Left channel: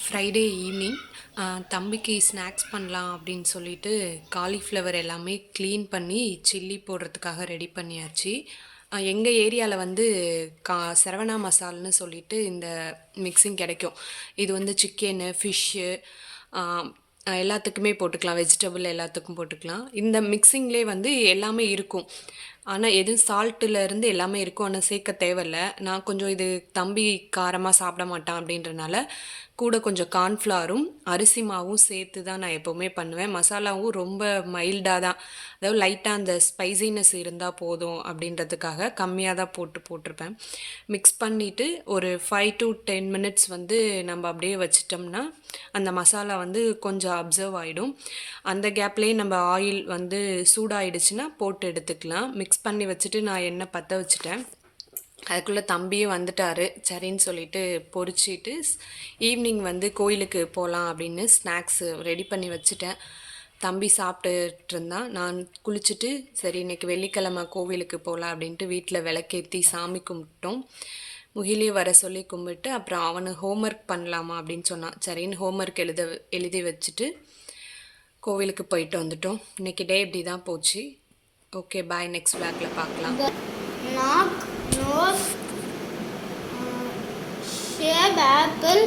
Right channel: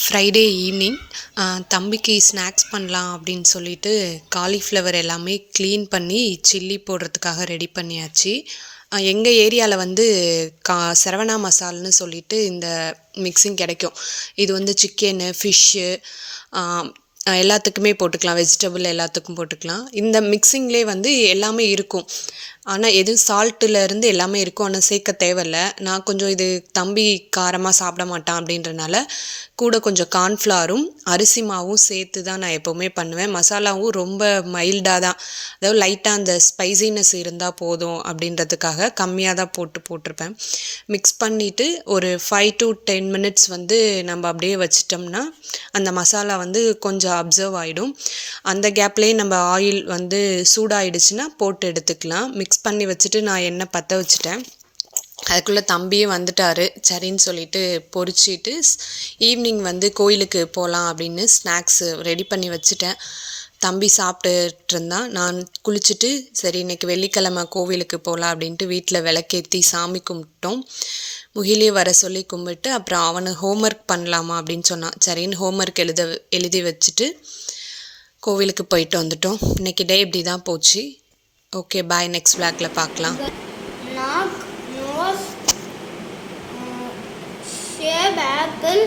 Friday evening தம்பிக்கு snacks பண்ணலாம் அப்படின்னு சொல்லிட்டு காலிஃப்ளவர் எல்லாமே க்ளீன் பண்ணி சில்லி போடுறதுக்காக ரெடி பண்ணியாச்சு. எங்கள் ஏரியாவில் வந்து சரவணா மசால்னு சொல்லிட்டு இந்த மிக்சிங் கிடைக்கும். இது வந்து சிக்கனு, ஃபிஷ்ஷு எல்லாத்துக்குமே போட்டுக்கலாம். வெஜிடபிள் எல்லாத்துக்கும் போட்டுக்கலாம். இந்த மிக்சிங்லேயே வந்து எல்லாமே இருக்கும். ஆனால் எதுவும் சால்ட்டுலேருந்து எல்லாமே இருக்கும். ஆனால் சேர்க்க தேவையில்ல. நான் கொஞ்சம் இது தம்பி காரமாக சாப்பிட மாட்டான் அப்படின்றனால கூட கொஞ்சம் கார்ன்ஃப்ளாரும் அரிசி மாவும் சேர்த்து தான் நான் எப்போவுமே பண்ணுவேன். மசாலாவும் ரொம்ப மைல்டாக தான், அதாவது லைட்டாக அந்த ஸ்பைசினஸ் இருந்தால் போதும் அப்படின்றதுக்காக கம்மியாக தான் போட்டிருப்பேன். மிக்ஸ் பண்ணிவிட்டு ஒரு 5 to 10 மினிட்ஸ் வந்து நம்ம அப்படியே வச்சிட்டோம்னா அந்த மசாலா வந்து கொஞ்சம் அப்சர்வ் ஆகிடும். அந்த கேப்லேயே நம்ம ஆயில் வந்து சூடாயிடுச்சுன்னா போட்டு எடுத்துக்கலாம். மிக்ஸ் பண்ணி வச்சுட்டு நான் எண்ணெய் பற்ற வச்சுட்டேன். அதுக்குள்ளே தம்பியும் வந்துட்டார். சரின்னு சொல்லிட்டு பொரிச்சிட்டு ஈவினிங் வந்து கோயிலுக்கு போகலாம் அப்படின்னு ஸ்நாக்ஸு ரெடி பண்ணி வச்சுட்டேன். தம்பி சாப்பிட்டுட்டு இருந்தான். நான் குளிச்சுட்டு சரி இன்றைக்கி வெள்ளிக்கிழமை கோவிலுக்கு போகலாம் அப்படின்ட்டு வீட்டில் விளக்கேற்றி சாமி கும்பிட்டோம். முகிலே வர சொல்லி கும்பிட்டு அப்புறம் அவனை ஹோம்ஒர்க் பண்ணலாமா அப்படின்னு சொன்னான். சரின்னு ஹோம்ஒர்க் எழுதி வச்சுட்டு கோவிலுக்கு போயிட்டு வந்துட்டோம். இன்றைக்கி டே இப்படி தான் போச்சு. ஓகே, பாய். நெக்ஸ்ட் விளாக்ல பார்க்கலாம். Knock, nose, shape, apple.